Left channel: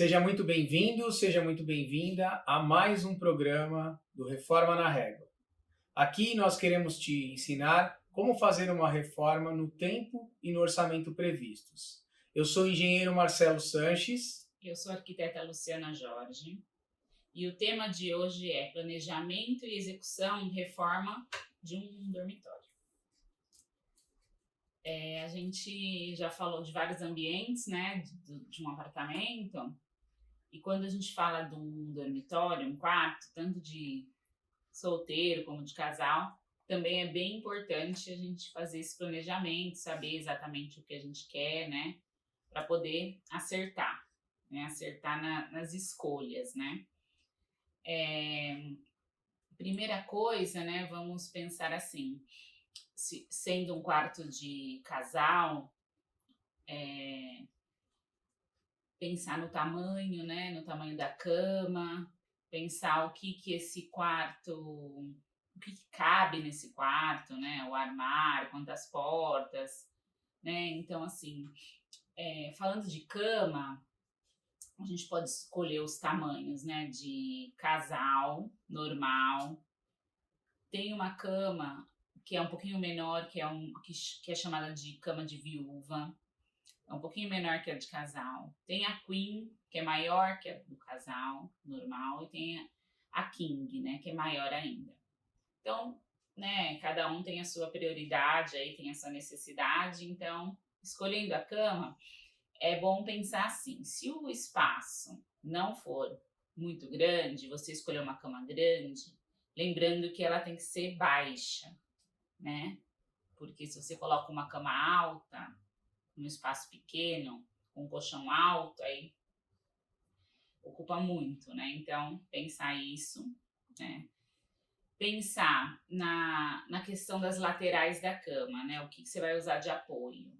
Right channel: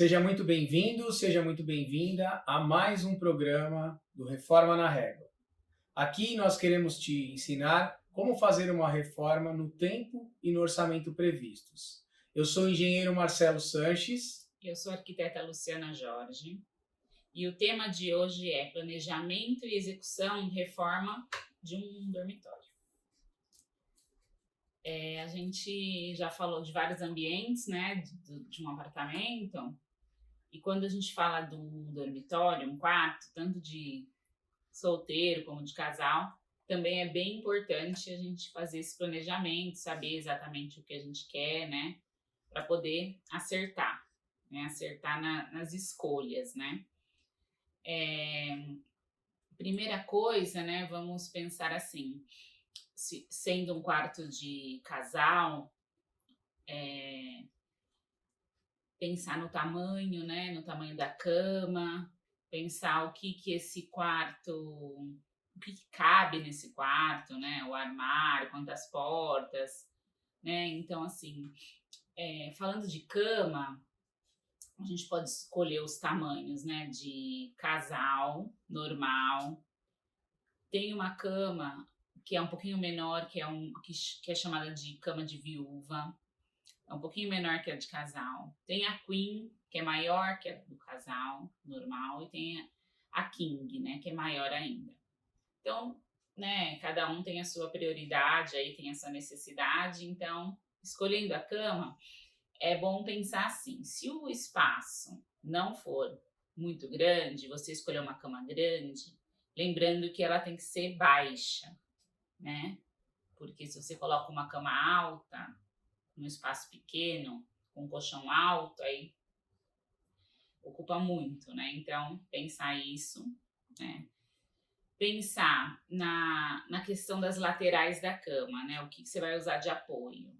Seja muito bem-vindo, seja muito bem-vinda a mais um programa do Reforma na Régua. Aqui nós queremos te ensinar como fazer uma reforma no tempo e no orçamento previstos. Eu sou o engenheiro Marcelo Sanches. Eu sou a arquiteta Luciana Jorge e o tema de hoje é planejamento e execução reforma de um dormitório. A gente já falou de vários ambientes, né, de um apartamento, e quando a gente fala de um dormitório, um quarto, tanto de solteiro como de casal, também é bem importante a gente fazer esse planejamento, saber exatamente o que a gente quer, né, para poder acertar, né, nas escolhas, né. Primeira coisa, né, vamos pensar assim, sendo um quarto de casal, pensar no tamanho, né, no tamanho da cama, pensar o que esse quarto, o que cabe nesse quarto, né, o armário, quantas portas, né, então assim, falando de cama, a gente pode escolher os tamanhos, né, de casal, normal. Tem uma cama que é um pouquinho menor, que é chamada de cama de viúva. É um pouquinho menor que a de casal. Tem a queen, que é maior que a do casal, normal. E tem a king, né, que é maior ainda. Então, né, cada um tem a sua prioridade, aí tem a sua necessidade. Então, escolhendo a cama, é bom pensar assim, se o espaço não for muito grande, você escolher uma cama grande, lembrando que ela tem que ser baixa, né? Porque se você coloca uma cama alta, num espaço pequeno, com um colchão alto, aí ocupa muito, né? Então, pensar isso, né? Pensar na questão das laterais da cama, né? O que você vai usar de apoio.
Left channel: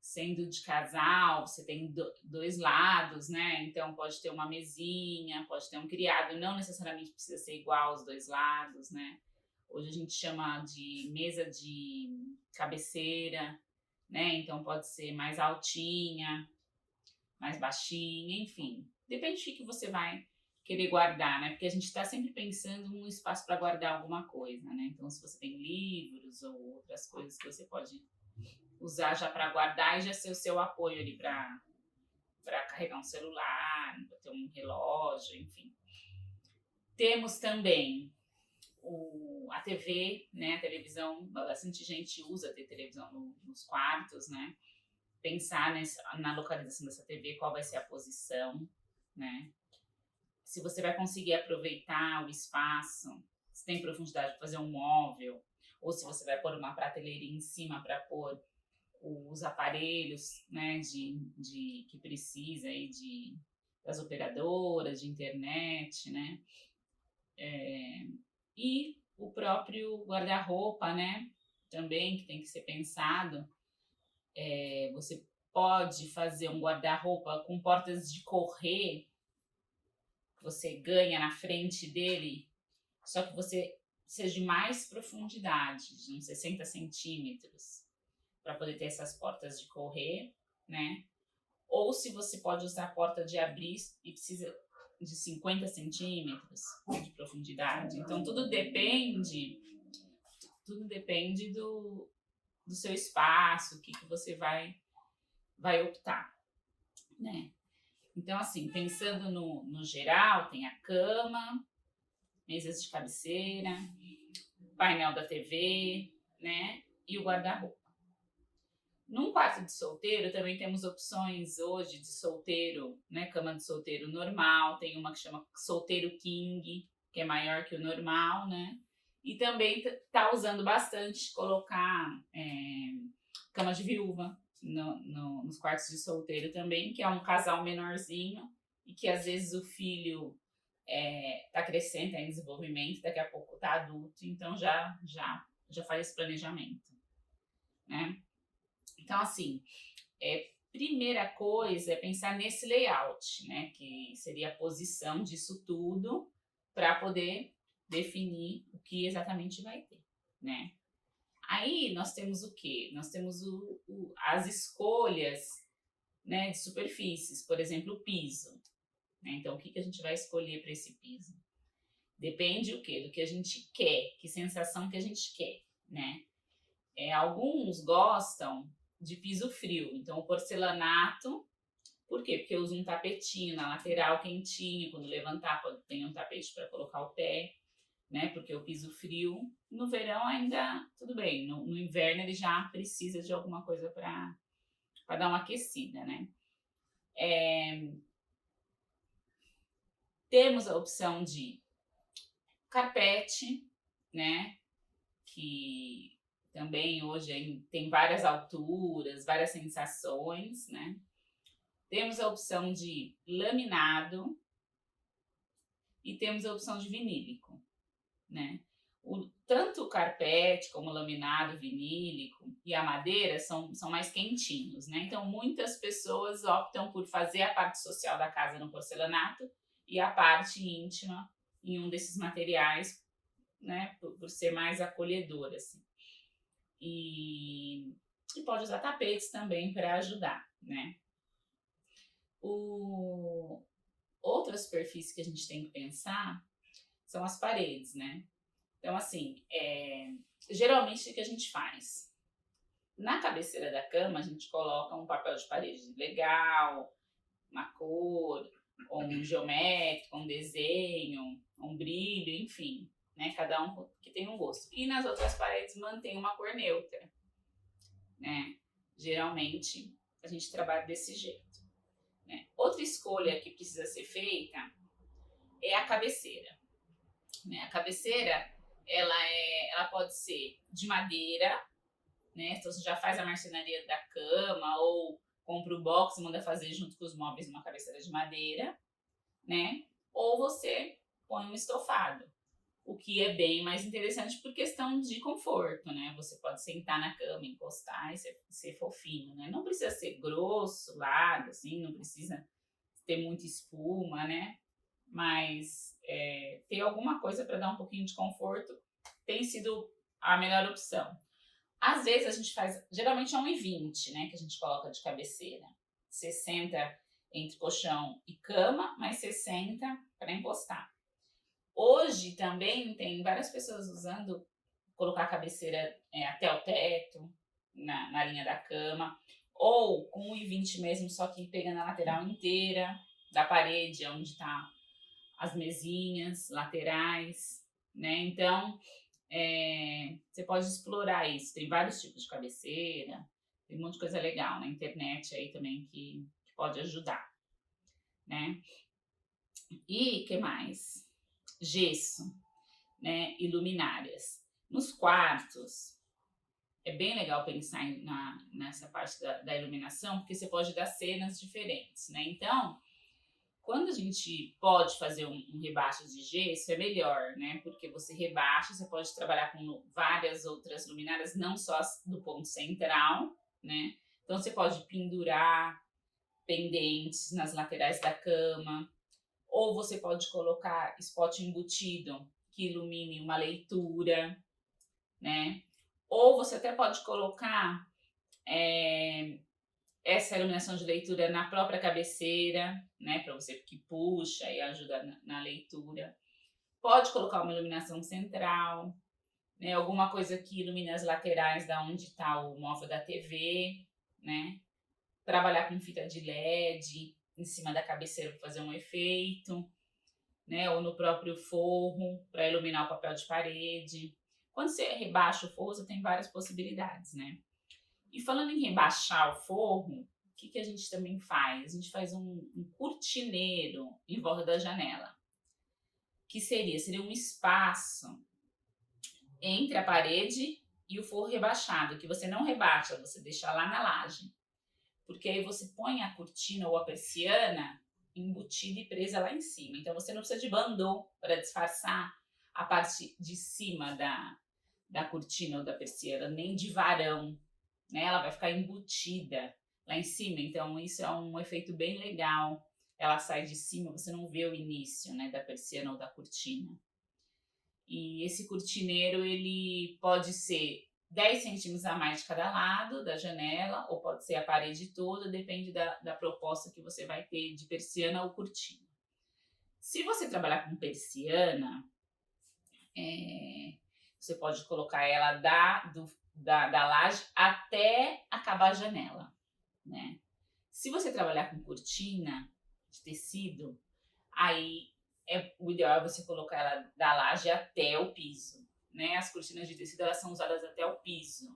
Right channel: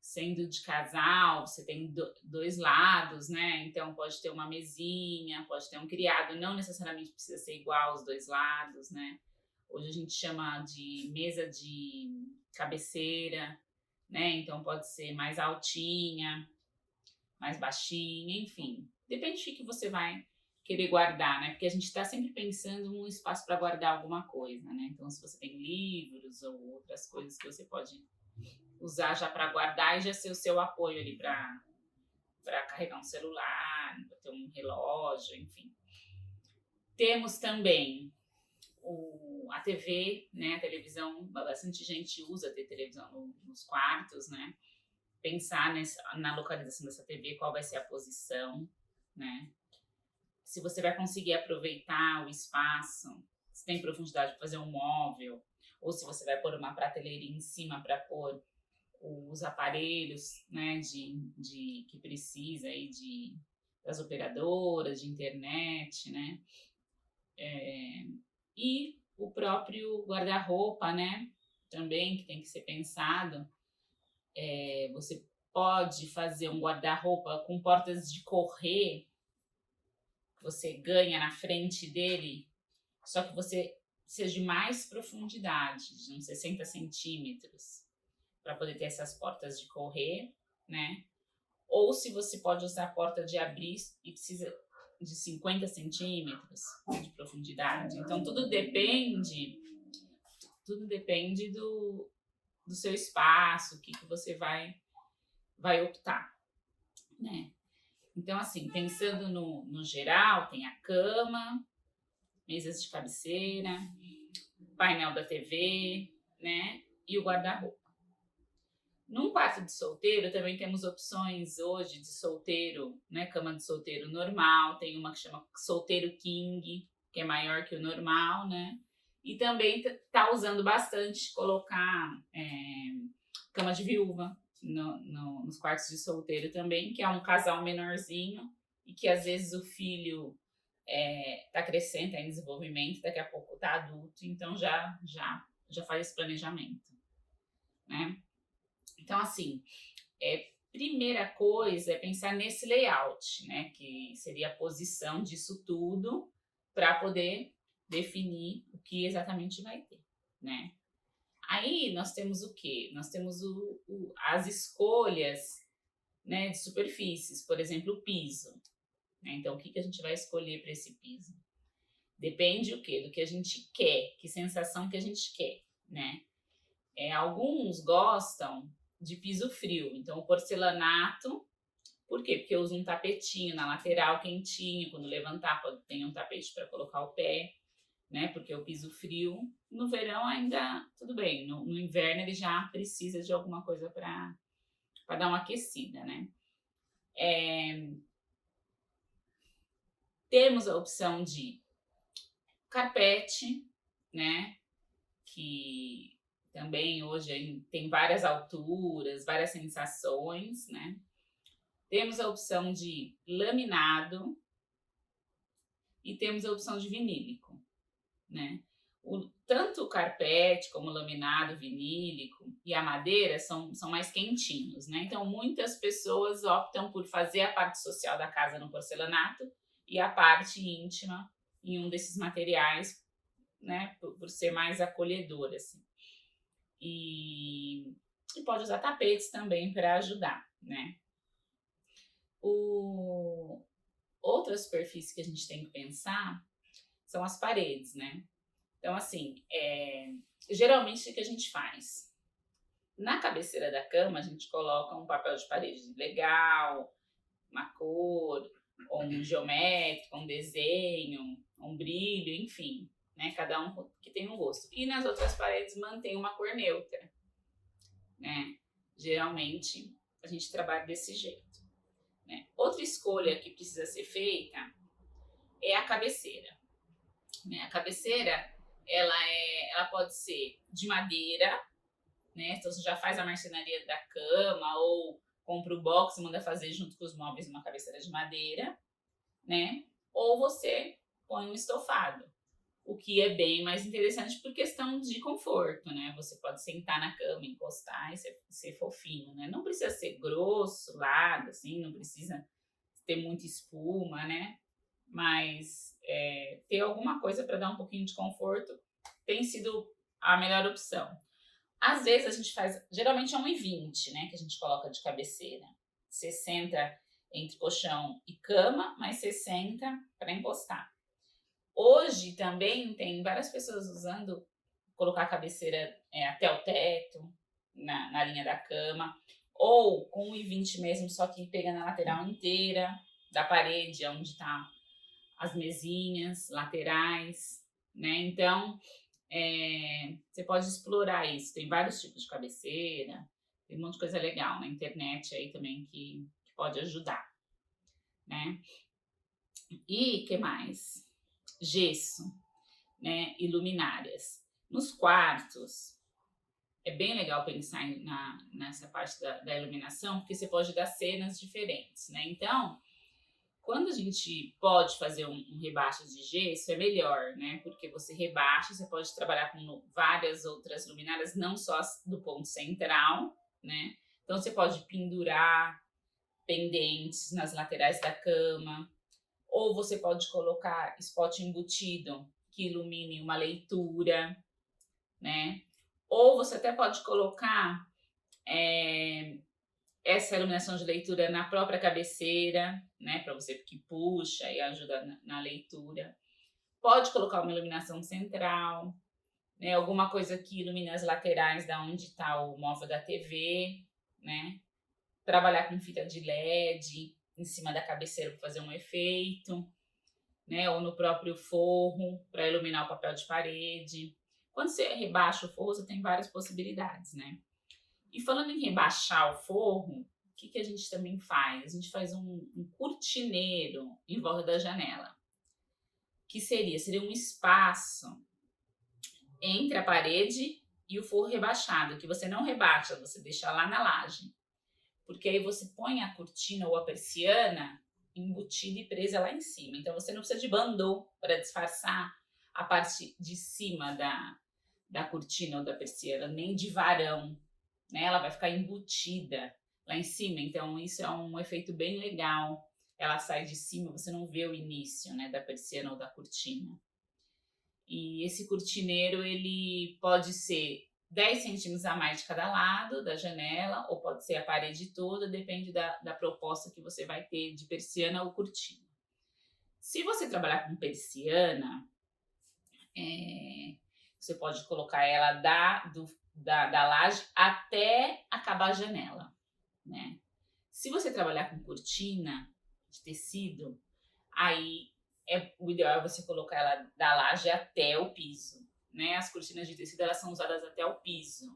Sendo de casal, você tem dois lados, né? Então pode ter uma mesinha, pode ter um criado, não necessariamente precisa ser igual aos dois lados, né? Hoje a gente chama de mesa de cabeceira, né? Então pode ser mais altinha, mais baixinha, enfim. Depende do que você vai querer guardar, né? Porque a gente está sempre pensando num espaço para guardar alguma coisa, né? Então se você tem livros ou outras coisas que você pode usar já para guardar e já ser o seu apoio ali para carregar um celular, para ter um relógio, enfim. Temos também a TV, né? A televisão, bastante gente usa ter televisão nos quartos, né? Pensar na localização dessa TV, qual vai ser a posição, né? Se você vai conseguir aproveitar o espaço, se tem profundidade para fazer um móvel, ou se você vai pôr uma prateleira em cima para pôr os aparelhos, né, que precisa aí das operadoras de internet, né, e o próprio guarda-roupa, né, também que tem que ser pensado. Você pode fazer um guarda-roupa com portas de correr, que você ganha na frente dele, só que você precisa de mais profundidade, de uns 60 centímetros, para poder ter essas portas de correr, né? Ou se você pode usar a porta de abrir e precisa de 50 centímetros de profundidade. Então, tudo depende do seu espaço, o que você vai optar, né? Então, assim, pensando no geral, tem a cama, mesas de cabeceira, painel da TV, né? E o guarda-roupa. Num quarto de solteiro, também temos opções hoje de solteiro, né? Cama de solteiro normal, tem uma que chama solteiro king, que é maior que o normal, né? E também tá usando bastante colocar cama de viúva nos quartos de solteiro também, que é um casal menorzinho e que às vezes o filho tá crescendo, tá em desenvolvimento, daqui a pouco tá adulto, então já faz esse planejamento, né? Então, assim, primeira coisa é pensar nesse layout, né? Que seria a posição disso tudo para poder definir o que exatamente vai ter, né? Aí nós temos o quê? Nós temos as escolhas, né, de superfícies, por exemplo, o piso. né? Então, o que a gente vai escolher para esse piso? Depende o quê? Do que a gente quer, que sensação que a gente quer, né? Alguns gostam de piso frio, então o porcelanato, por quê? Porque usa um tapetinho na lateral quentinho, quando levantar tem um tapete para colocar o pé, né? Porque o piso frio, no verão ainda tudo bem, no inverno ele já precisa de alguma coisa para dar uma aquecida, né? Temos a opção de carpete, né? Que também hoje tem várias alturas, várias sensações, né? Temos a opção de laminado e temos a opção de vinílico, né? Tanto o carpete como o laminado, vinílico e a madeira são mais quentinhos, né? Então, muitas pessoas optam por fazer a parte social da casa no porcelanato e a parte íntima em um desses materiais, né? Por ser mais acolhedor, assim. E pode usar tapetes também para ajudar, né? Outra superfície que a gente tem que pensar são as paredes, né? Então, assim, geralmente o que a gente faz? Na cabeceira da cama, a gente coloca um papel de parede legal, uma cor, ou um geométrico, um desenho, um brilho, enfim, né? Cada um que tem um gosto. E nas outras paredes mantém uma cor neutra, né? Geralmente a gente trabalha desse jeito, né? Outra escolha que precisa ser feita é a cabeceira, né? A cabeceira ela pode ser de madeira, né? Então você já faz a marcenaria da cama ou compra o box e manda fazer junto com os móveis uma cabeceira de madeira, né? Ou você põe um estofado, o que é bem mais interessante por questão de conforto, né? Você pode sentar na cama, encostar e ser fofinho, né? Não precisa ser grosso, largo, assim, não precisa ter muita espuma, né? Mas ter alguma coisa para dar um pouquinho de conforto tem sido a melhor opção. Às vezes a gente faz, geralmente é 1,20, né, que a gente coloca de cabeceira. 60 entre colchão e cama, mais 60 para encostar. Hoje também tem várias pessoas usando, colocar a cabeceira até o teto, na linha da cama, ou com 1,20 mesmo, só que pega na lateral inteira da parede, onde está as mesinhas laterais, né? Então, você pode explorar isso. Tem vários tipos de cabeceira, tem um monte de coisa legal na internet aí também que pode ajudar, né? E que mais? Gesso, né? E luminárias. Nos quartos, é bem legal pensar nessa parte da iluminação, porque você pode dar cenas diferentes, né? Então, quando a gente pode fazer um rebaixo de gesso, é melhor, né? Porque você rebaixa, você pode trabalhar com várias outras luminárias, não só do ponto central, né? Então, você pode pendurar pendentes nas laterais da cama, ou você pode colocar spot embutido que ilumine uma leitura, né? Ou você até pode colocar essa iluminação de leitura na própria cabeceira, né, para você que puxa e ajuda na leitura. Pode colocar uma iluminação central, né, alguma coisa que ilumine as laterais da onde está o móvel da TV, né? Trabalhar com fita de LED em cima da cabeceira para fazer um efeito, né, ou no próprio forro para iluminar o papel de parede. Quando você rebaixa o forro, você tem várias possibilidades, né? E falando em rebaixar o forro, o que a gente também faz? A gente faz um cortineiro em volta da janela, que seria um espaço entre a parede e o forro rebaixado, que você não rebaixa, você deixa lá na laje. Porque aí você põe a cortina ou a persiana embutida e presa lá em cima. Então você não precisa de bandô para disfarçar a parte de cima da cortina ou da persiana, nem de varão, né? Ela vai ficar embutida lá em cima, então isso é um efeito bem legal. Ela sai de cima, você não vê o início, né, da persiana ou da cortina. E esse cortineiro, ele pode ser 10 centímetros a mais de cada lado da janela, ou pode ser a parede toda, depende da proposta que você vai ter de persiana ou cortina. Se você trabalhar com persiana, você pode colocar ela da laje até acabar a janela, né? Se você trabalhar com cortina de tecido, aí o ideal é você colocar ela da laje até o piso, né? As cortinas de tecido, elas são usadas até o piso,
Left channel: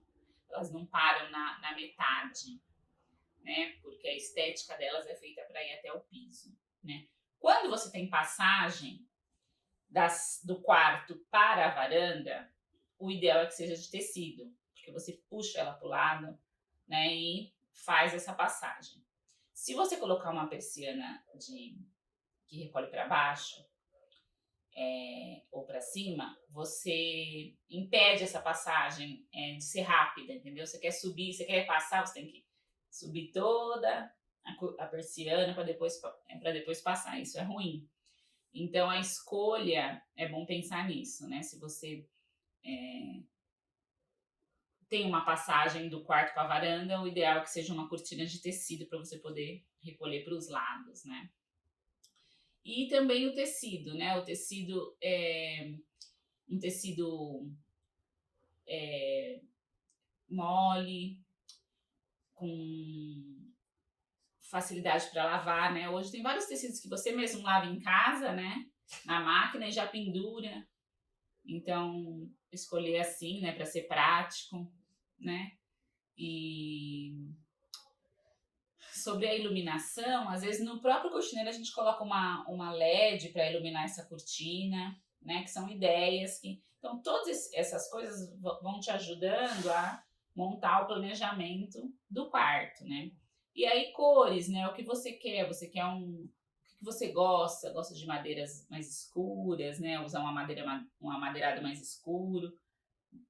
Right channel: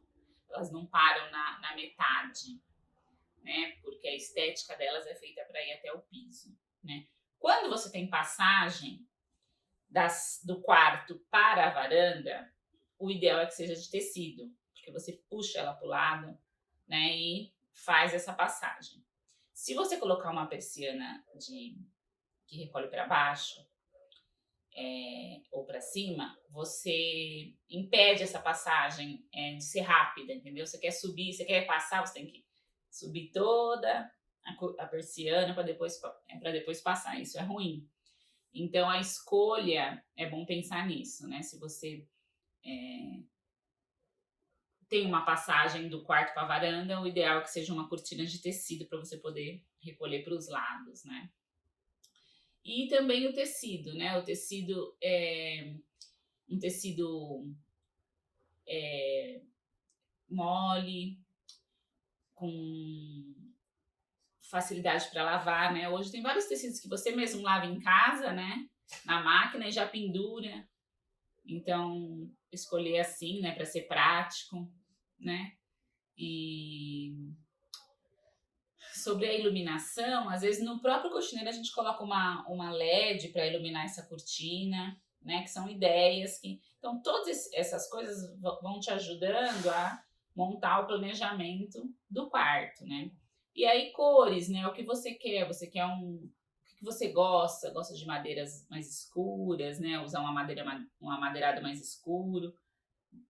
elas não param na metade, né? Porque a estética delas é feita para ir até o piso, né? Quando você tem passagem do quarto para a varanda, o ideal é que seja de tecido, porque você puxa ela para o lado, né, e faz essa passagem. Se você colocar uma persiana que recolhe para baixo ou para cima, você impede essa passagem de ser rápida, entendeu? Você quer subir, você quer passar, você tem que subir toda a persiana para depois passar. Isso é ruim. Então, a escolha, é bom pensar nisso, né? Se você tem uma passagem do quarto para a varanda, o ideal é que seja uma cortina de tecido para você poder recolher para os lados, né? E também o tecido, né? O tecido é um tecido mole, com facilidade para lavar, né? Hoje tem vários tecidos que você mesmo lava em casa, né? Na máquina e já pendura. Então, escolher assim, né? Para ser prático, né? E sobre a iluminação, às vezes no próprio cortineiro a gente coloca uma LED para iluminar essa cortina, né? Que são ideias que... Então, todas essas coisas vão te ajudando a montar o planejamento do quarto, né? E aí, cores, né? O que você quer? Você quer o que você gosta? Gosta de madeiras mais escuras, né? Usar um amadeirado mais escuro,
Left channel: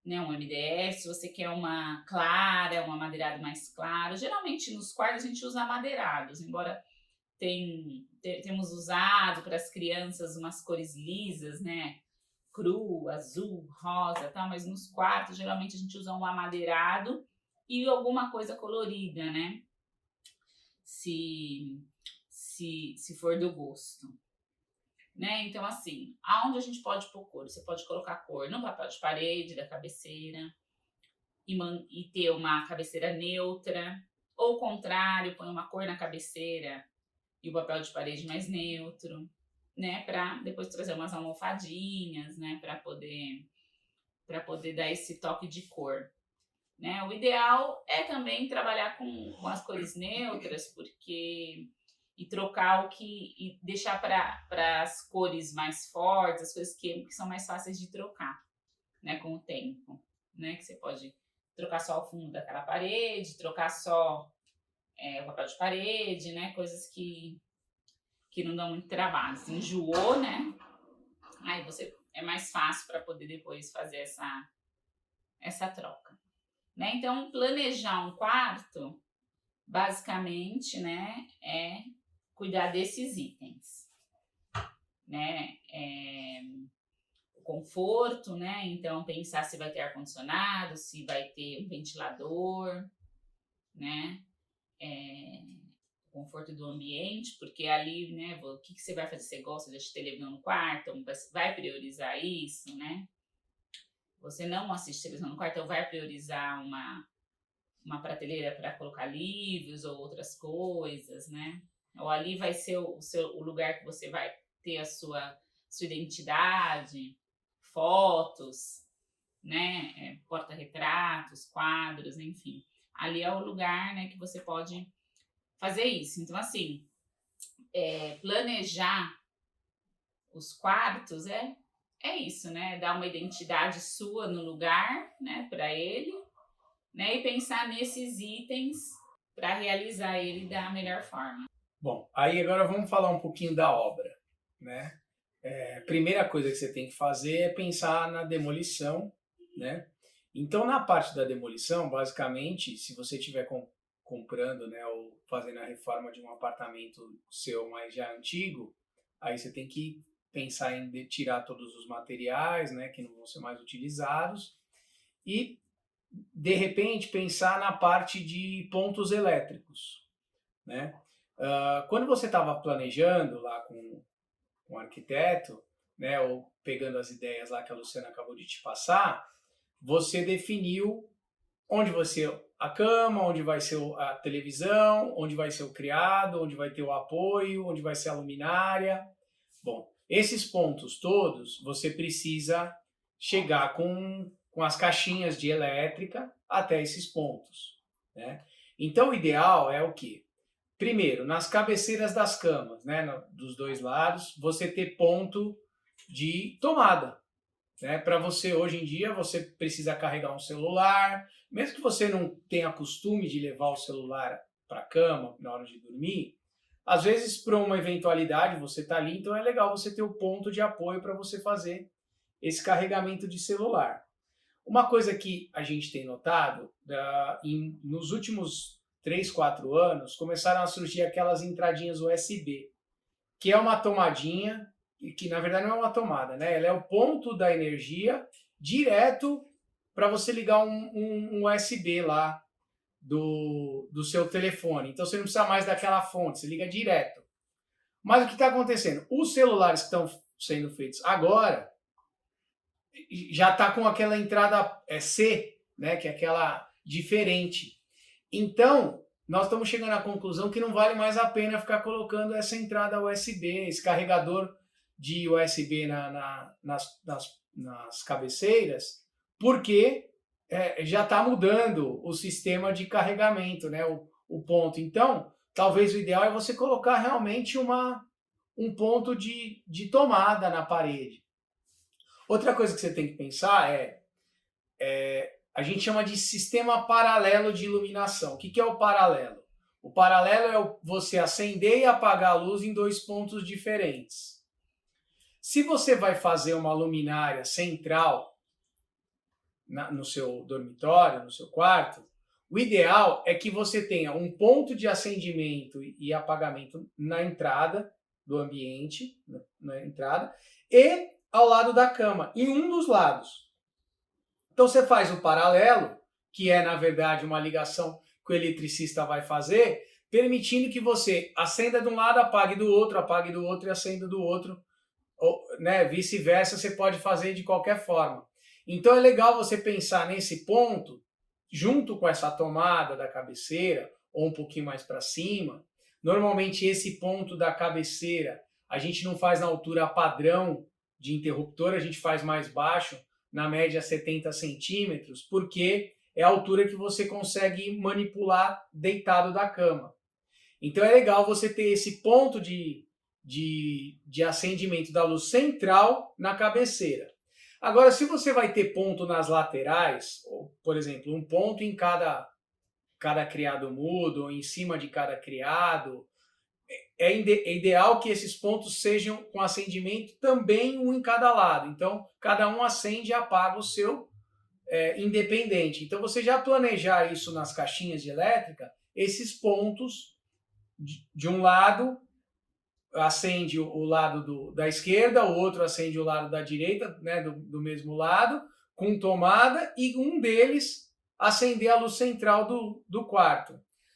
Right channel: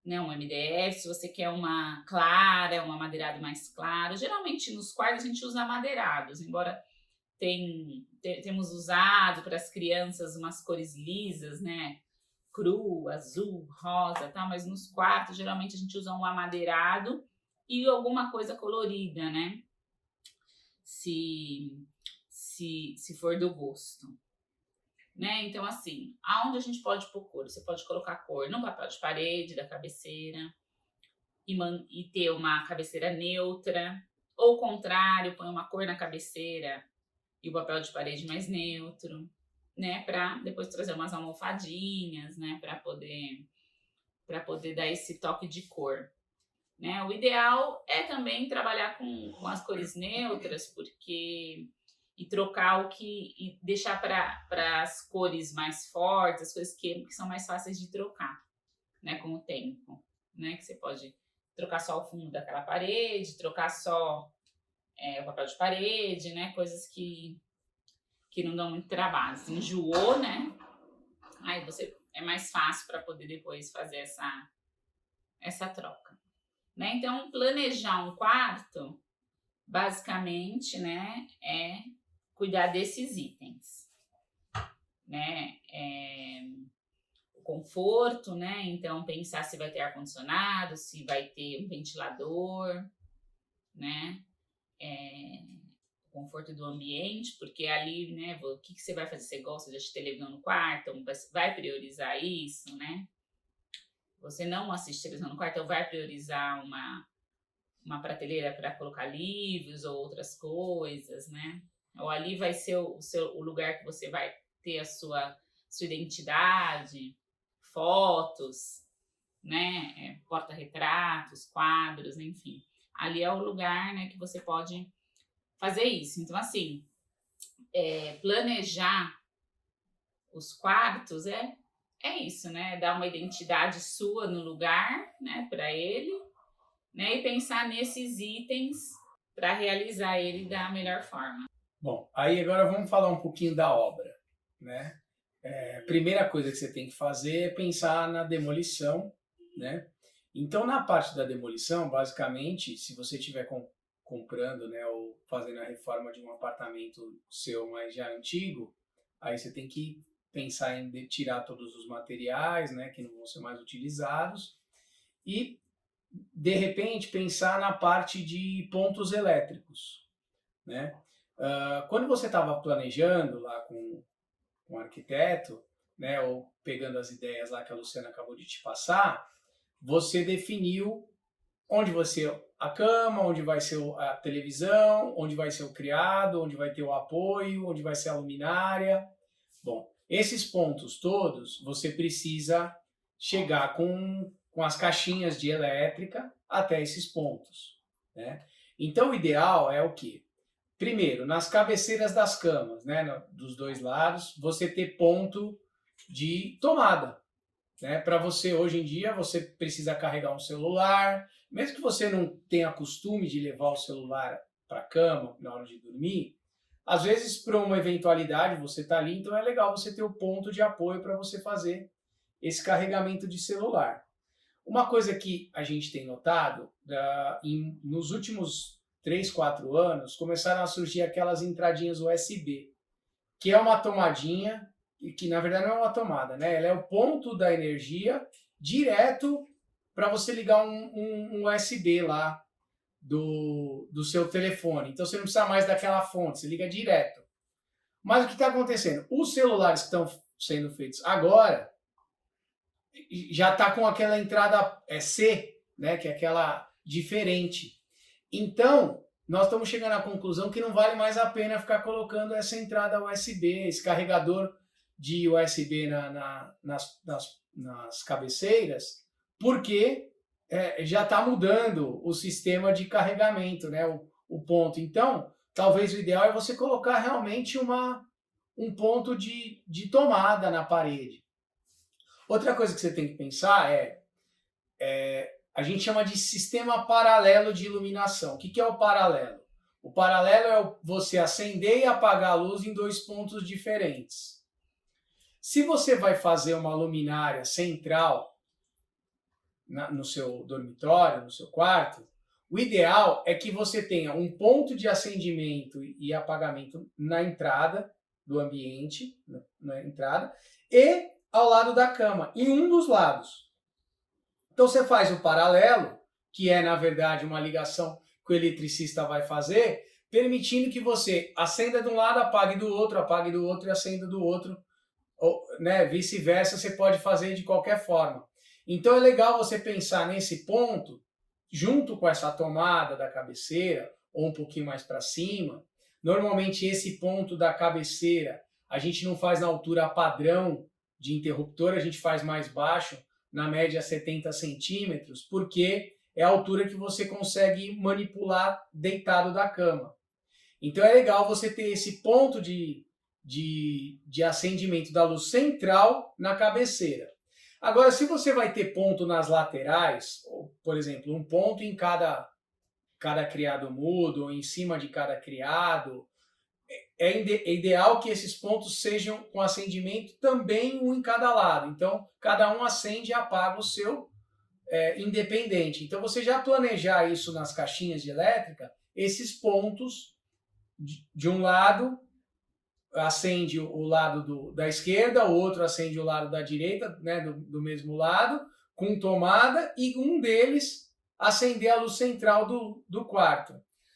né? Um MDF. Se você quer uma clara, um amadeirado mais claro. Geralmente, nos quartos, a gente usa amadeirados, embora temos usado para as crianças umas cores lisas, né? Cru, azul, rosa, tal. Mas nos quartos, geralmente, a gente usa um amadeirado e alguma coisa colorida, né? Se for do gosto, né? Então, assim, aonde a gente pode pôr cor? Você pode colocar cor no papel de parede da cabeceira e ter uma cabeceira neutra, ou o contrário, põe uma cor na cabeceira e o papel de parede mais neutro, né? Para depois trazer umas almofadinhas, né? Para poder dar esse toque de cor. Né? O ideal é também trabalhar com as cores neutras, e trocar e deixar para as cores mais fortes, as coisas que são mais fáceis de trocar, né? Com o tempo, né? Que você pode trocar só o fundo daquela parede, trocar só o papel de parede, né? Coisas que não dão muito trabalho. Se enjoou, né? Aí é mais fácil para poder depois fazer essa troca. Né? Então, planejar um quarto, basicamente, né, é cuidar desses itens, né? O conforto, né? Então, pensar se vai ter ar-condicionado, se vai ter um ventilador, né? O conforto do ambiente, porque ali, né, o que você vai fazer? Você gosta de assistir televisão no quarto? Então, vai priorizar isso, né? Você não assiste televisão no quarto, então vai priorizar uma prateleira para colocar livros ou outras coisas, né? Ou ali vai ser o lugar que você vai ter a sua identidade, fotos, né? Porta-retratos, quadros, enfim. Ali é o lugar, né, que você pode fazer isso. Então, assim, planejar os quartos é isso, né? Dar uma identidade sua no lugar, né, para ele, né? E pensar nesses itens para realizar ele da melhor forma. Bom, aí agora vamos falar um pouquinho da obra, né? Primeira coisa que você tem que fazer é pensar na demolição, né? Então, na parte da demolição, basicamente, se você estiver comprando, né, ou fazendo a reforma de um apartamento seu, mas já antigo, aí você tem que pensar em tirar todos os materiais, né, que não vão ser mais utilizados e, de repente, pensar na parte de pontos elétricos, né? Quando você estava planejando lá com um arquiteto, né, ou pegando as ideias lá que a Luciana acabou de te passar, você definiu onde vai ser a cama, onde vai ser a televisão, onde vai ser o criado, onde vai ter o apoio, onde vai ser a luminária. Bom, esses pontos todos você precisa chegar com as caixinhas de elétrica até esses pontos, né? Então o ideal é o quê? Primeiro, nas cabeceiras das camas, né, dos dois lados, você ter ponto de tomada, né? Para você, hoje em dia, você precisa carregar um celular, mesmo que você não tenha costume de levar o celular para a cama na hora de dormir, às vezes, para uma eventualidade, você está ali, então é legal você ter o ponto de apoio para você fazer esse carregamento de celular. Uma coisa que a gente tem notado, nos últimos 3, 4 anos, começaram a surgir aquelas entradinhas USB, que é uma tomadinha, que na verdade não é uma tomada, né? Ela é o ponto da energia direto para você ligar um USB lá do seu telefone. Então você não precisa mais daquela fonte, você liga direto. Mas o que está acontecendo? Os celulares que estão sendo feitos agora já está com aquela entrada C, né, que é aquela diferente. Então, nós estamos chegando à conclusão que não vale mais a pena ficar colocando essa entrada USB, esse carregador de USB nas cabeceiras, porque já está mudando o sistema de carregamento, né, o ponto. Então, talvez o ideal é você colocar realmente um ponto de tomada na parede. Outra coisa que você tem que pensar a gente chama de sistema paralelo de iluminação. O que é o paralelo? O paralelo é você acender e apagar a luz em 2 pontos diferentes. Se você vai fazer uma luminária central no seu dormitório, no seu quarto, o ideal é que você tenha um ponto de acendimento e apagamento na entrada do ambiente, na entrada, e ao lado da cama, em um dos lados. Então você faz o paralelo, que é na verdade uma ligação que o eletricista vai fazer, permitindo que você acenda de um lado, apague do outro e acenda do outro, ou, né, vice-versa, você pode fazer de qualquer forma. Então é legal você pensar nesse ponto, junto com essa tomada da cabeceira, ou um pouquinho mais para cima. Normalmente esse ponto da cabeceira a gente não faz na altura padrão de interruptor, a gente faz mais baixo, na média 70 centímetros, porque é a altura que você consegue manipular deitado da cama. Então é legal você ter esse ponto de acendimento da luz central na cabeceira. Agora, se você vai ter ponto nas laterais, ou, por exemplo, um ponto em cada criado mudo, ou em cima de cada criado, é ideal que esses pontos sejam com acendimento também um em cada lado. Então, cada um acende e apaga o seu independente. Então, você já planejar isso nas caixinhas de elétrica, esses pontos de um lado acende o lado da esquerda, o outro acende o lado da direita, né, do mesmo lado, com tomada, e um deles acender a luz central do quarto.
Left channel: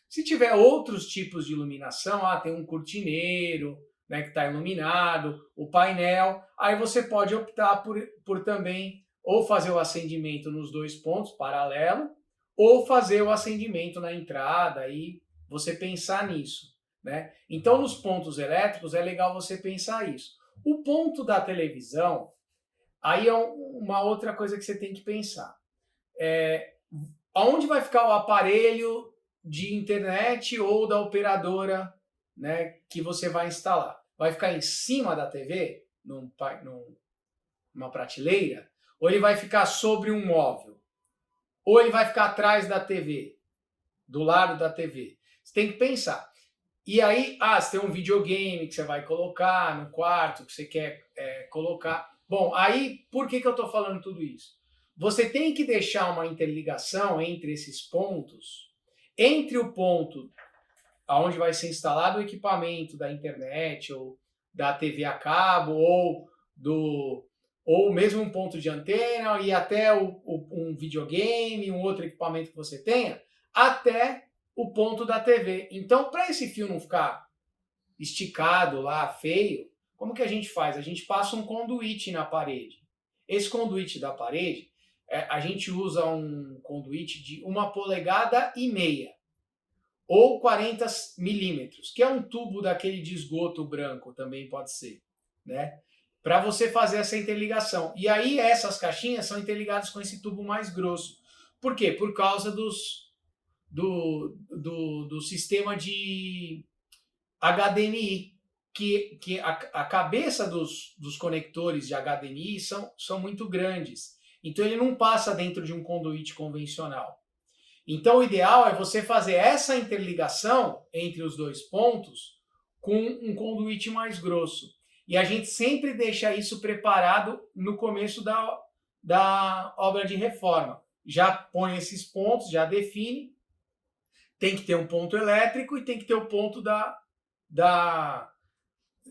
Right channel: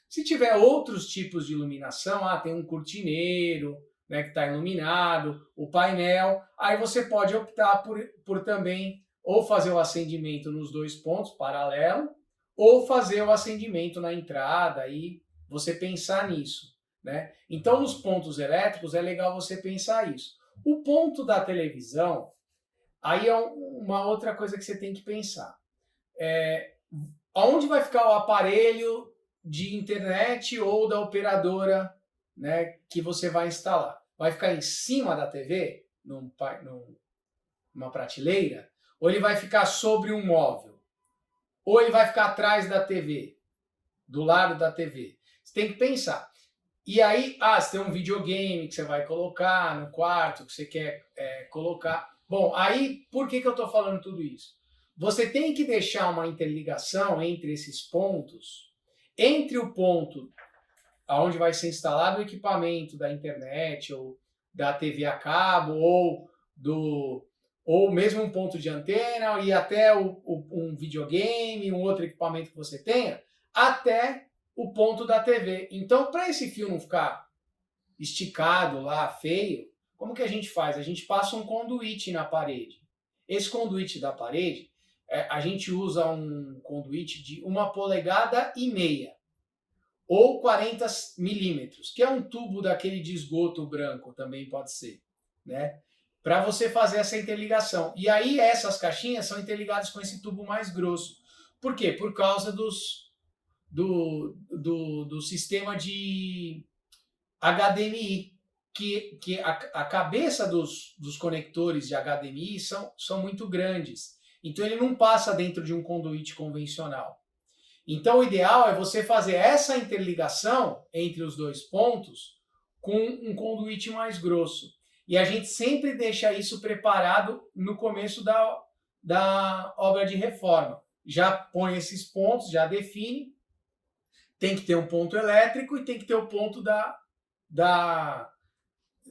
Se tiver outros tipos de iluminação, tem um cortineiro, né, que está iluminado, o painel, aí você pode optar por também ou fazer o acendimento nos 2 pontos, paralelo, ou fazer o acendimento na entrada e você pensar nisso, né? Então, nos pontos elétricos é legal você pensar isso. O ponto da televisão, aí é uma outra coisa que você tem que pensar. Aonde vai ficar o aparelho de internet ou da operadora, né, que você vai instalar? Vai ficar em cima da TV, numa prateleira? Ou ele vai ficar sobre um móvel? Ou ele vai ficar atrás da TV, do lado da TV? Você tem que pensar. E aí, você tem um videogame que você vai colocar no quarto, que você quer colocar. Bom, aí, por que eu estou falando tudo isso? Você tem que deixar uma interligação entre esses pontos, entre o ponto onde vai ser instalado o equipamento da internet, ou da TV a cabo, ou mesmo um ponto de antena, e até um videogame, um outro equipamento que você tenha, até o ponto da TV. Então, para esse fio não ficar esticado lá, feio, como que a gente faz? A gente passa um conduíte na parede. Esse conduíte da parede, a gente usa um conduíte de 1,5 polegadas ou 40 milímetros, que é um tubo daquele de esgoto branco, também pode ser, né? Para você fazer essa interligação. E aí essas caixinhas são interligadas com esse tubo mais grosso. Por quê? Por causa do sistema de HDMI, que a cabeça dos conectores de HDMI são muito grandes. Então ele não passa dentro de um conduíte convencional. Então o ideal é você fazer essa interligação entre os dois pontos com um conduíte mais grosso. E a gente sempre deixa isso preparado no começo da obra de reforma. Já põe esses pontos, já define. Tem que ter um ponto elétrico e tem que ter o ponto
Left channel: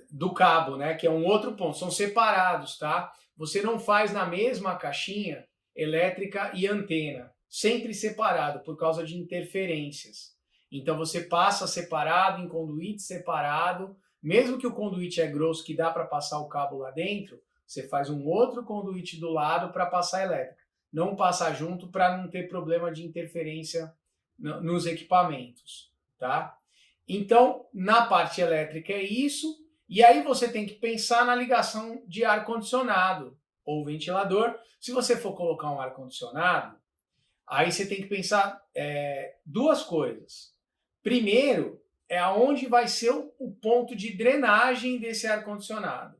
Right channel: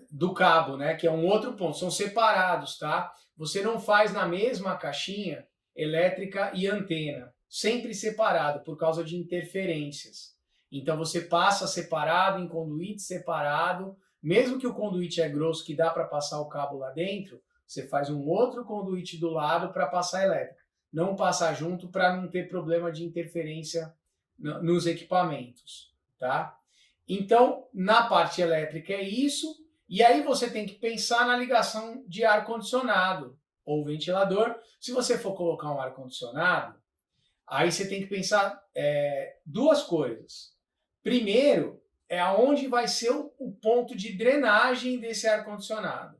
do cabo, né? Que é um outro ponto. São separados, tá? Você não faz na mesma caixinha elétrica e antena. Sempre separado, por causa de interferências. Então você passa separado, em conduíte separado. Mesmo que o conduíte é grosso, que dá para passar o cabo lá dentro, você faz um outro conduíte do lado para passar elétrica. Não passa junto para não ter problema de interferência nos equipamentos, tá? Então, na parte elétrica é isso, e aí você tem que pensar na ligação de ar-condicionado ou ventilador. Se você for colocar um ar-condicionado, aí você tem que pensar duas coisas. Primeiro, é aonde vai ser o ponto de drenagem desse ar-condicionado.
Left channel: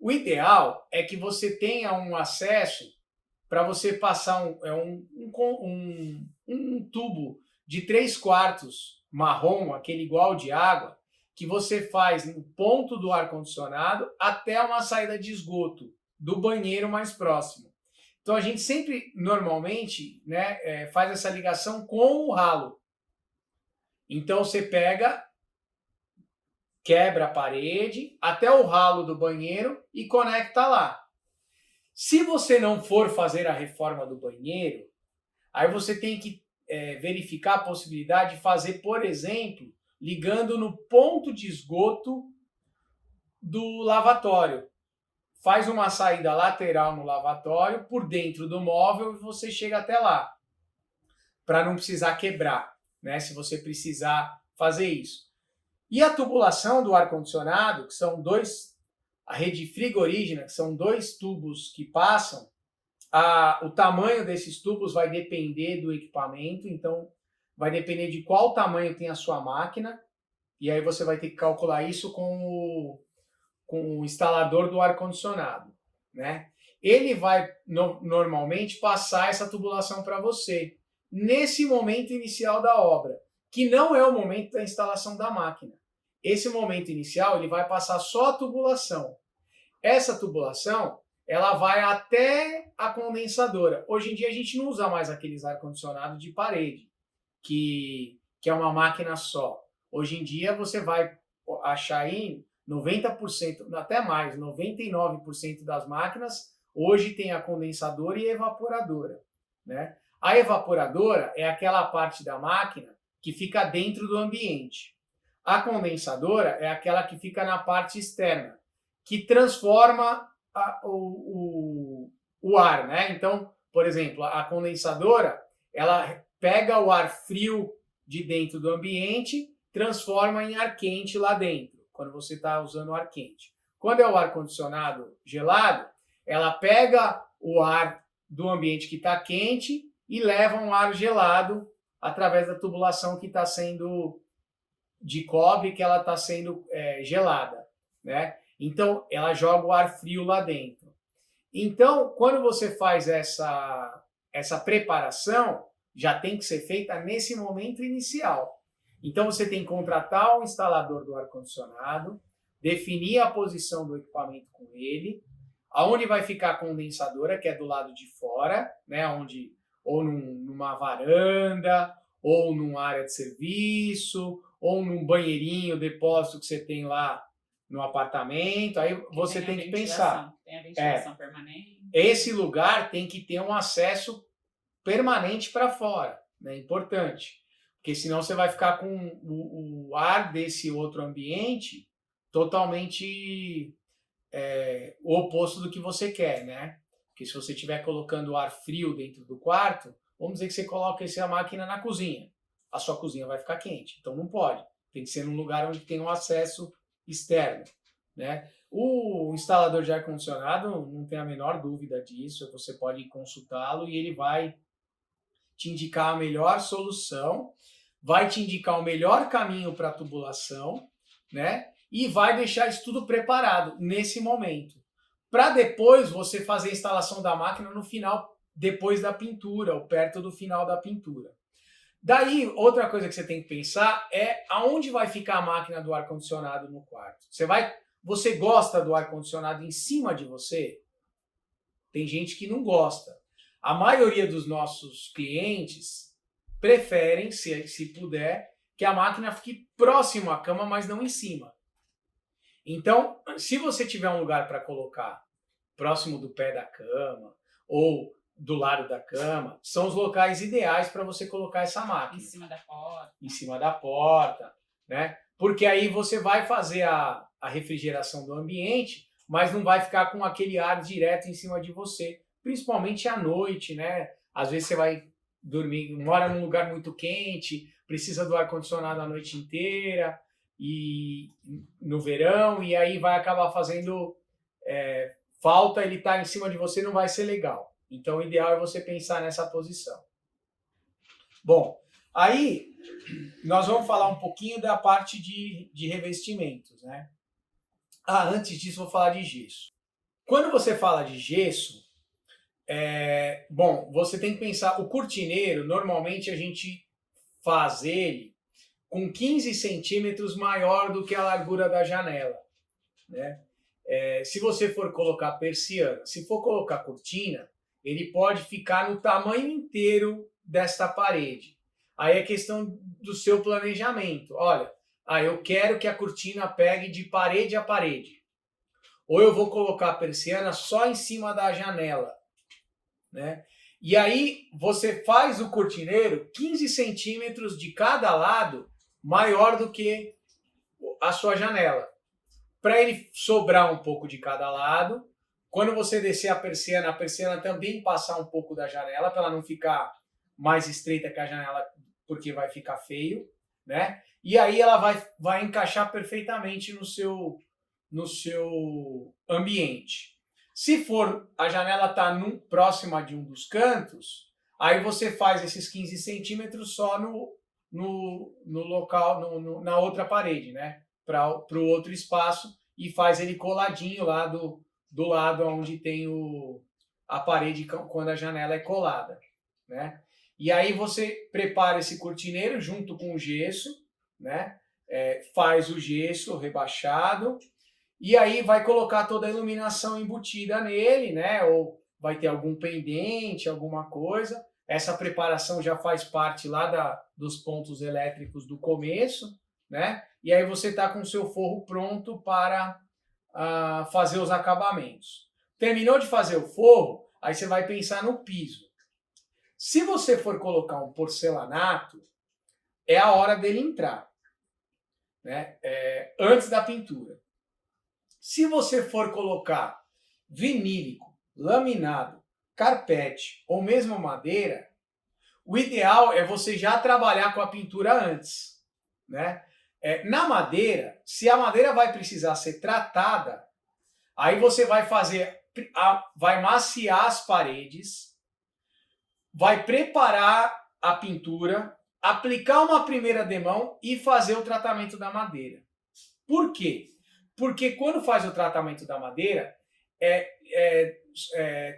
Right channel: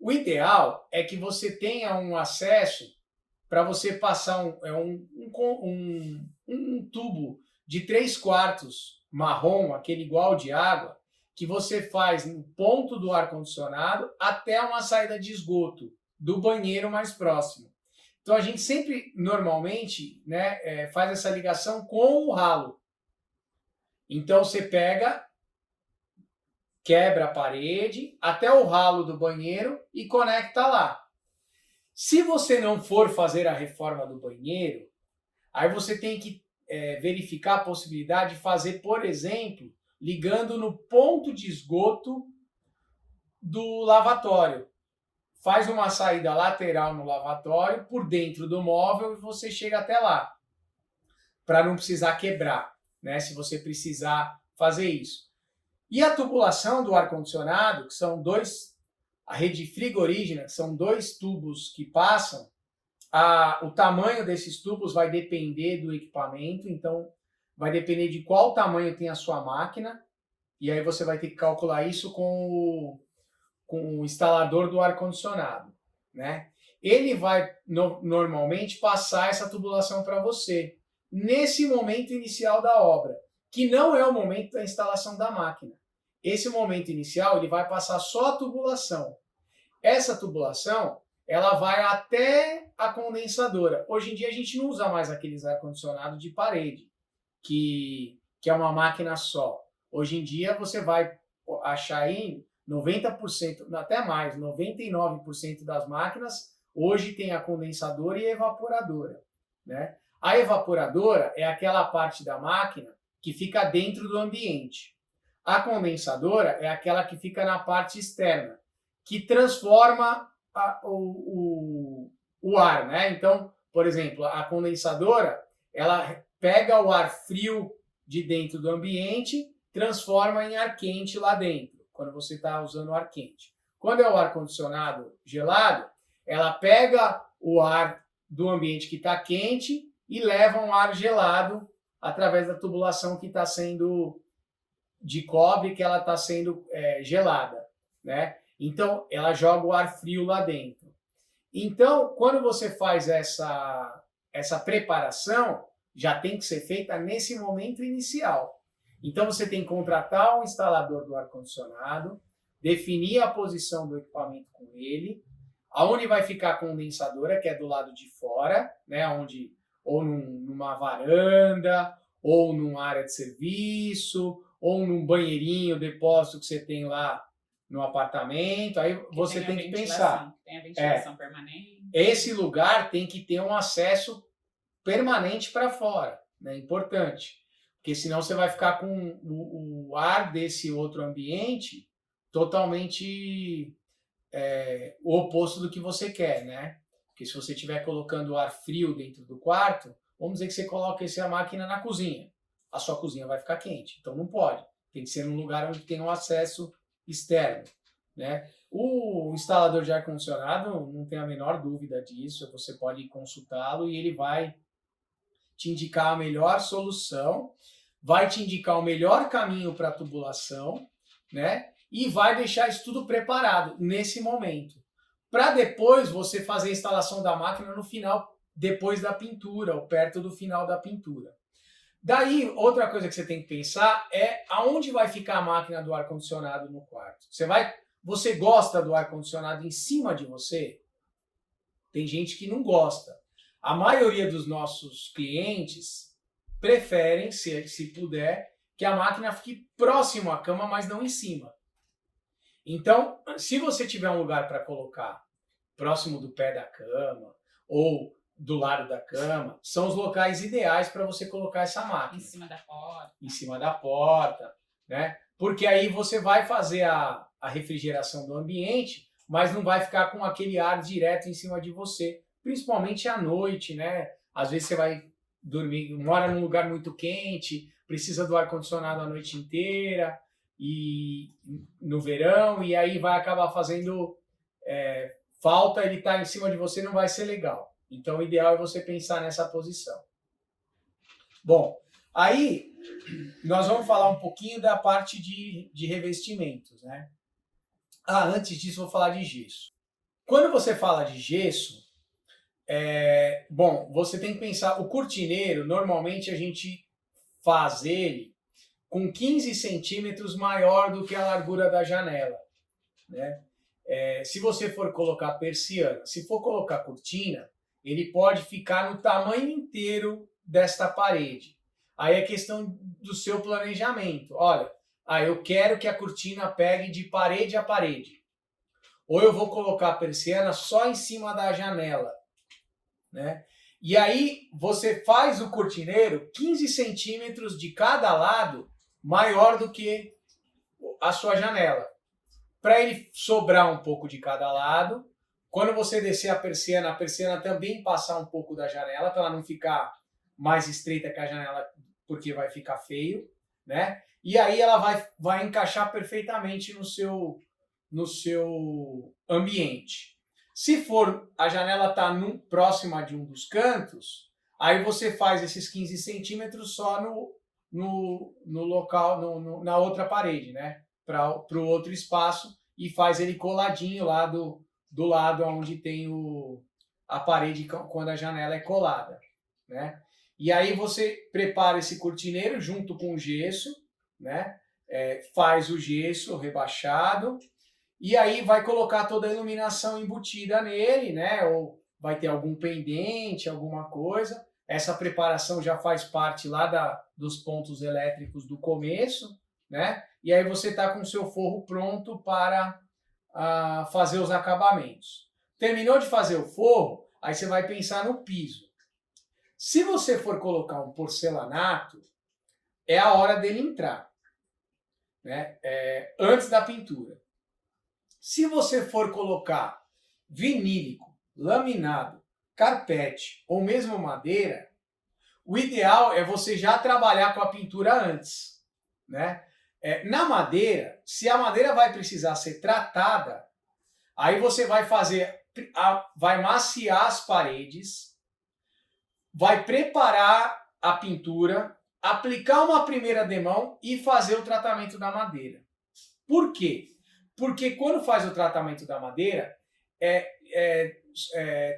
O ideal é que você tenha um acesso para você passar um tubo de 3/4 marrom, aquele igual de água, que você faz no ponto do ar-condicionado até uma saída de esgoto do banheiro mais próximo. Então a gente sempre, normalmente, né, faz essa ligação com o ralo. Então você quebra a parede até o ralo do banheiro e conecta lá. Se você não for fazer a reforma do banheiro, aí você tem que verificar a possibilidade de fazer, por exemplo, ligando no ponto de esgoto do lavatório. Faz uma saída lateral no lavatório, por dentro do móvel, e você chega até lá, para não precisar quebrar, né? Se você precisar fazer isso. E a tubulação do ar-condicionado, que são a rede frigorígena, que são 2 tubos que passam, o tamanho desses tubos vai depender do equipamento, então vai depender de qual tamanho tem a sua máquina, e aí você vai ter que calcular isso com o instalador do ar-condicionado, né? Ele vai normalmente passar essa tubulação para você nesse momento inicial da obra, que não é o momento da instalação da máquina. Esse momento inicial ele vai passar só a tubulação. Essa tubulação ela vai até a condensadora. Hoje em dia a gente não usa mais aqueles ar-condicionado de parede, que é uma máquina só. Hoje em dia você vai achar aí 90%, até mais, 99% das máquinas hoje tem a condensadora e a evaporadora, né? A evaporadora é aquela parte da máquina que fica dentro do ambiente. A condensadora é aquela que fica na parte externa, que transforma o ar, né? Então, por exemplo, a condensadora, ela pega o ar frio de dentro do ambiente, transforma em ar quente lá dentro, quando você está usando o ar quente. Quando é o ar-condicionado gelado, ela pega o ar do ambiente que está quente e leva um ar gelado através da tubulação que está sendo de cobre, que ela está sendo gelada, né? Então, ela joga o ar frio lá dentro. Então, quando você faz essa preparação, já tem que ser feita nesse momento inicial. Então, você tem que contratar um instalador do ar-condicionado, definir a posição do equipamento com ele, aonde vai ficar a condensadora, que é do lado de fora, né? Ou numa varanda, ou numa área de serviço, ou num banheirinho, depósito que você tem lá no apartamento. Aí você tem que pensar. Tem a ventilação permanente. Esse lugar tem que ter um acesso permanente para fora, né? Importante. Porque senão você vai ficar com o ar desse outro ambiente totalmente o oposto do que você quer, né? Porque se você estiver colocando ar frio dentro do quarto, vamos dizer que você coloca essa máquina na cozinha. A sua cozinha vai ficar quente, então não pode. Tem que ser num lugar onde tem um acesso externo, né? O instalador de ar-condicionado não tem a menor dúvida disso, você pode consultá-lo e ele vai te indicar a melhor solução, vai te indicar o melhor caminho para a tubulação, né? E vai deixar isso tudo preparado nesse momento. Para depois você fazer a instalação da máquina no final, depois da pintura, ou perto do final da pintura. Daí, outra coisa que você tem que pensar é aonde vai ficar a máquina do ar-condicionado no quarto. Você gosta do ar-condicionado em cima de você? Tem gente que não gosta. A maioria dos nossos clientes preferem, se puder, que a máquina fique próximo à cama, mas não em cima. Então, se você tiver um lugar para colocar próximo do pé da cama ou do lado da cama, são os locais ideais para você colocar essa máquina. Em cima da porta. Em cima da porta, né? Porque aí você vai fazer a refrigeração do ambiente, mas não vai ficar com aquele ar direto em cima de você, principalmente à noite, né? Às vezes você vai dormir, mora num lugar muito quente, precisa do ar-condicionado a noite inteira, e no verão, e aí vai acabar fazendo falta, ele estar em cima de você não vai ser legal. Então o ideal é você pensar nessa posição. Bom, aí nós vamos falar um pouquinho da parte de revestimentos, né? Antes disso vou falar de gesso. Quando você fala de gesso, bom, você tem que pensar, o cortineiro, normalmente a gente faz ele com 15 centímetros maior do que a largura da janela, né? Se você for colocar persiana, se for colocar cortina, ele pode ficar no tamanho inteiro desta parede. Aí é questão do seu planejamento. Olha, eu quero que a cortina pegue de parede a parede. Ou eu vou colocar a persiana só em cima da janela, né? E aí você faz o cortineiro 15 centímetros de cada lado maior do que a sua janela. Para ele sobrar um pouco de cada lado. Quando você descer a persiana também passar um pouco da janela, para ela não ficar mais estreita que a janela, porque vai ficar feio, né? E aí ela vai encaixar perfeitamente no seu ambiente. Se for a janela tá próxima de um dos cantos, aí você faz esses 15 centímetros só no local, na outra parede, né? Para o outro espaço, e faz ele coladinho lá do lado onde tem a parede quando a janela é colada, né? E aí você prepara esse cortineiro junto com o gesso, né? Faz o gesso rebaixado e aí vai colocar toda a iluminação embutida nele, né? Ou vai ter algum pendente, alguma coisa. Essa preparação já faz parte lá dos pontos elétricos do começo, né? E aí você está com o seu forro pronto para fazer os acabamentos. Terminou de fazer o forro, aí você vai pensar no piso. Se você for colocar um porcelanato, é a hora dele entrar, né? Antes da pintura. Se você for colocar vinílico, laminado, carpete ou mesmo madeira, o ideal é você já trabalhar com a pintura antes, né? Na madeira, se a madeira vai precisar ser tratada, aí você vai vai maciar as paredes, vai preparar a pintura, aplicar uma primeira demão e fazer o tratamento da madeira. Por quê? Porque quando faz o tratamento da madeira,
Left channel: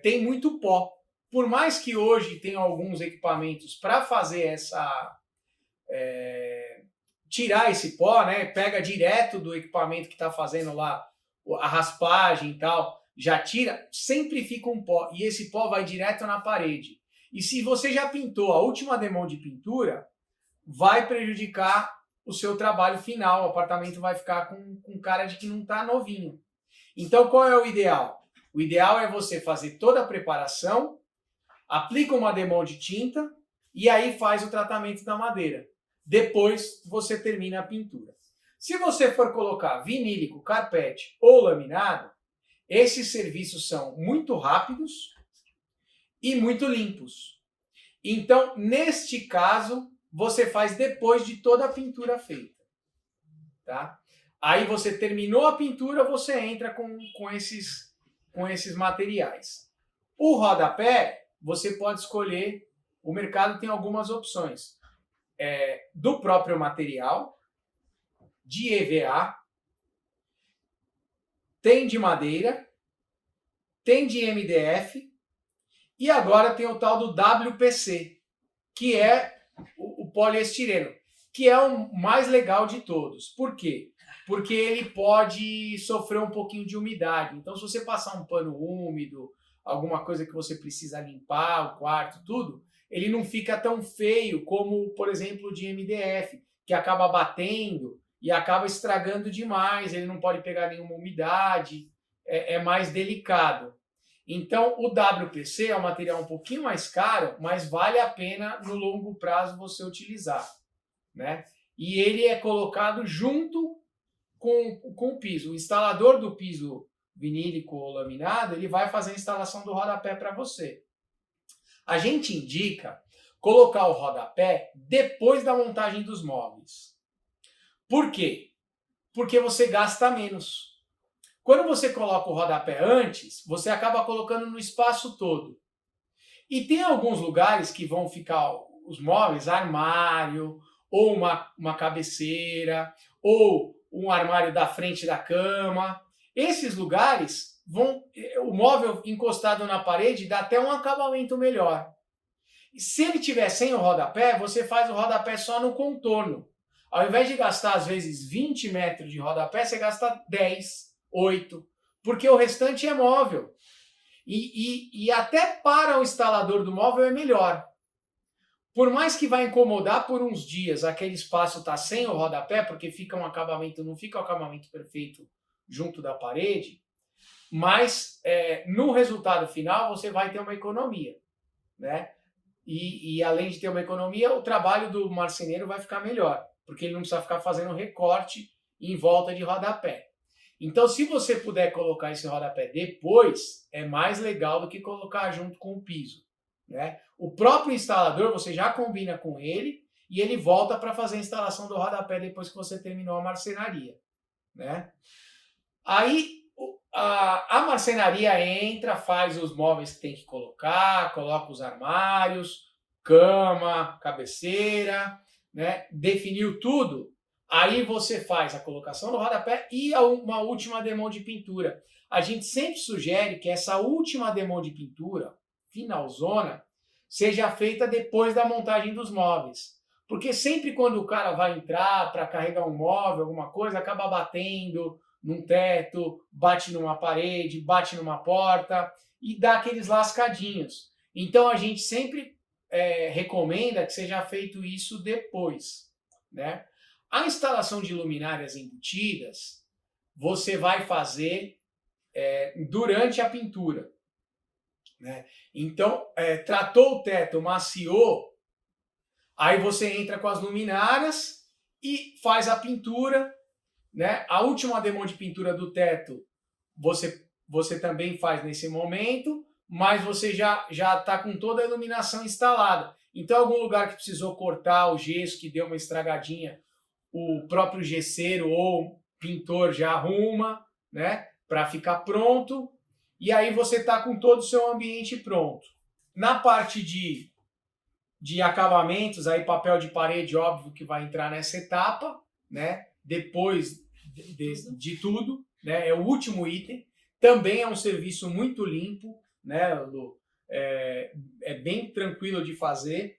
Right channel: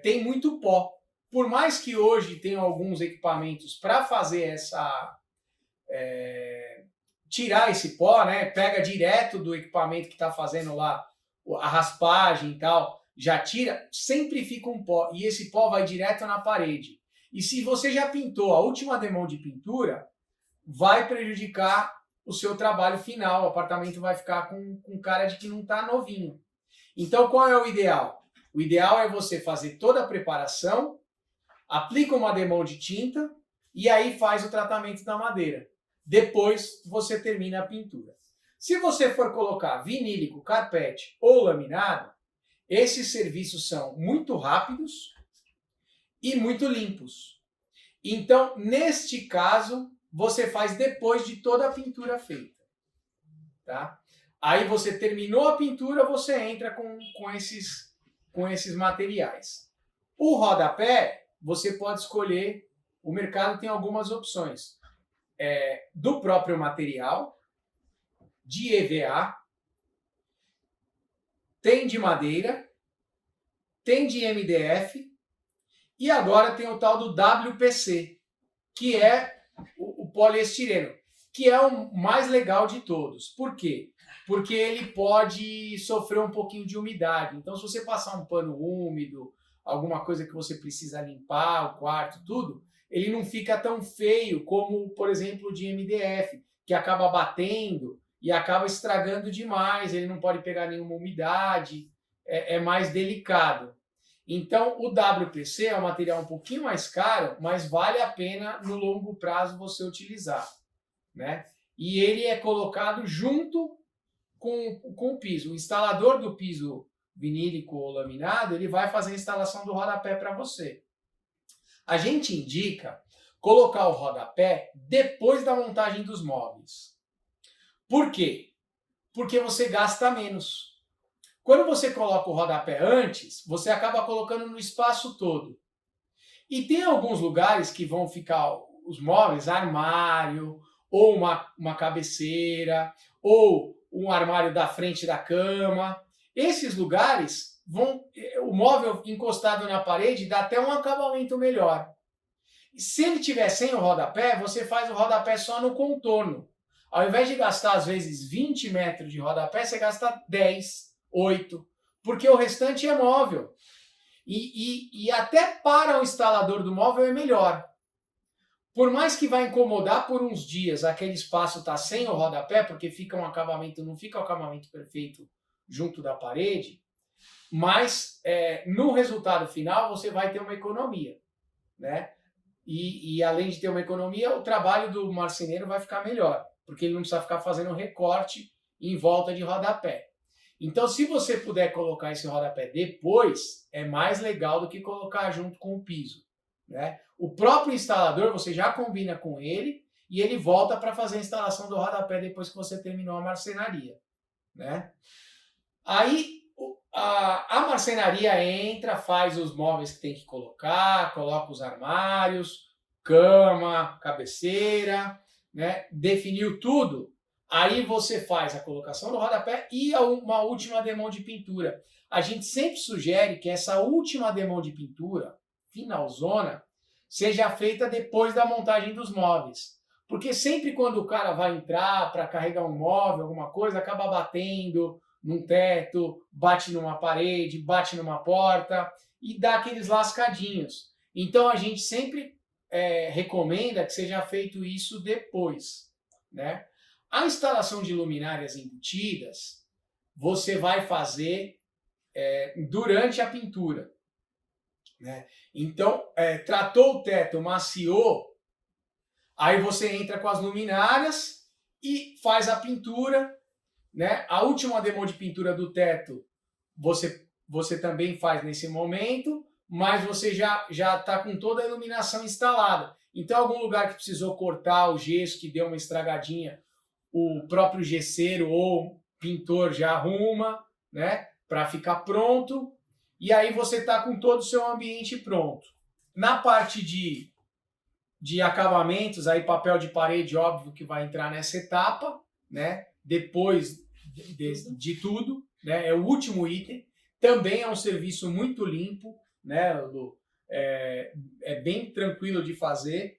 tem muito pó. Por mais que hoje tenham alguns equipamentos para fazer tirar esse pó, né? Pega direto do equipamento que está fazendo lá a raspagem e tal, já tira, sempre fica um pó. E esse pó vai direto na parede. E se você já pintou a última demão de pintura, vai prejudicar o seu trabalho final. O apartamento vai ficar com cara de que não está novinho. Então, qual é o ideal? O ideal é você fazer toda a preparação, aplica uma demão de tinta e aí faz o tratamento da madeira. Depois você termina a pintura. Se você for colocar vinílico, carpete ou laminado, esses serviços são muito rápidos e muito limpos. Então, neste caso, você faz depois de toda a pintura feita. Tá? Aí você terminou a pintura, você entra com esses materiais. O rodapé, você pode escolher, o mercado tem algumas opções. Do próprio material, de EVA, tem de madeira, tem de MDF e agora tem o tal do WPC, que é o poliestireno, que é o mais legal de todos. Por quê? Porque ele pode sofrer um pouquinho de umidade. Então, se você passar um pano úmido, alguma coisa que você precisa limpar, o quarto, tudo, ele não fica tão feio como, por exemplo, o de MDF, que acaba batendo e acaba estragando demais, ele não pode pegar nenhuma umidade, é mais delicado. Então, o WPC é um material um pouquinho mais caro, mas vale a pena no longo prazo você utilizar, né? E ele é colocado junto com o piso. O instalador do piso vinílico ou laminado, ele vai fazer a instalação do rodapé para você. A gente indica colocar o rodapé depois da montagem dos móveis. Por quê? Porque você gasta menos. Quando você coloca o rodapé antes, você acaba colocando no espaço todo. E tem alguns lugares que vão ficar os móveis, armário, ou uma cabeceira, ou um armário da frente da cama. Esses lugares o móvel encostado na parede dá até um acabamento melhor. Se ele tiver sem o rodapé, você faz o rodapé só no contorno. Ao invés de gastar, às vezes, 20 metros de rodapé, você gasta 10, 8, porque o restante é móvel. E até para o instalador do móvel é melhor. Por mais que vai incomodar por uns dias aquele espaço tá sem o rodapé, porque fica um acabamento, não fica o acabamento perfeito junto da parede, mas no resultado final você vai ter uma economia, né? E além de ter uma economia, o trabalho do marceneiro vai ficar melhor, porque ele não precisa ficar fazendo recorte em volta de rodapé. Então, se você puder colocar esse rodapé depois, é mais legal do que colocar junto com o piso, né? O próprio instalador, você já combina com ele e ele volta para fazer a instalação do rodapé depois que você terminou a marcenaria, né? Aí a marcenaria entra, faz os móveis que tem que colocar, coloca os armários, cama, cabeceira, né? Definiu tudo. Aí você faz a colocação do rodapé e uma última demão de pintura. A gente sempre sugere que essa última demão de pintura, finalzona, seja feita depois da montagem dos móveis. Porque sempre quando o cara vai entrar para carregar um móvel, alguma coisa, acaba batendo num teto, bate numa parede, bate numa porta e dá aqueles lascadinhos. Então a gente sempre recomenda que seja feito isso depois, né? A instalação de luminárias embutidas, você vai fazer durante a pintura, né? Então, tratou o teto, maciou, aí você entra com as luminárias e faz a pintura, né? A última demão de pintura do teto, você também faz nesse momento, mas você já está com toda a iluminação instalada. Então, algum lugar que precisou cortar o gesso, que deu uma estragadinha, o próprio gesseiro ou pintor já arruma, né, para ficar pronto, e aí você está com todo o seu ambiente pronto. Na parte de acabamentos, aí papel de parede, óbvio que vai entrar nessa etapa, né, depois de tudo, né, é o último item. Também é um serviço muito limpo, né, Lu? É bem tranquilo de fazer.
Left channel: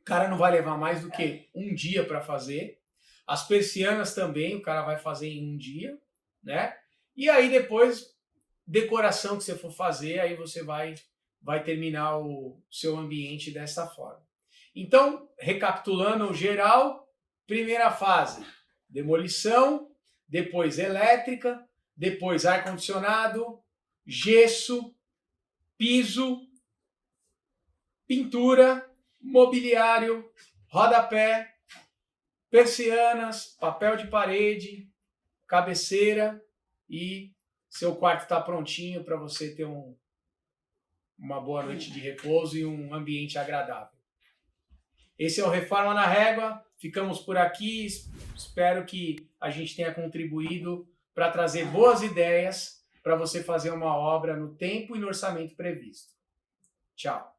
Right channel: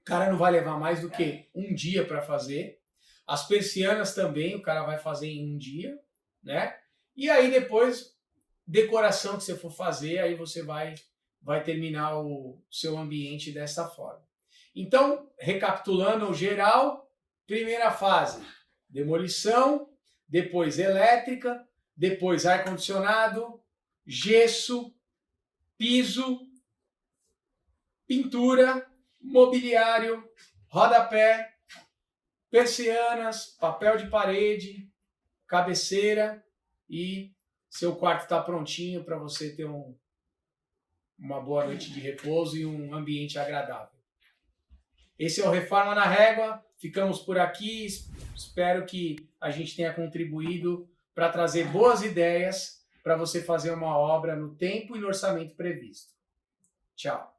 O cara não vai levar mais do que um dia para fazer. As persianas também, o cara vai fazer em um dia, né? E aí depois, decoração que você for fazer, aí você vai terminar o seu ambiente dessa forma. Então, recapitulando o geral, primeira fase, demolição, depois elétrica, depois ar-condicionado, gesso, piso, pintura, mobiliário, rodapé, persianas, papel de parede, cabeceira e seu quarto está prontinho para você ter uma boa noite de repouso e um ambiente agradável. Esse é o Reforma na Régua. Ficamos por aqui. Espero que a gente tenha contribuído para trazer boas ideias para você fazer uma obra no tempo e no orçamento previsto. Tchau.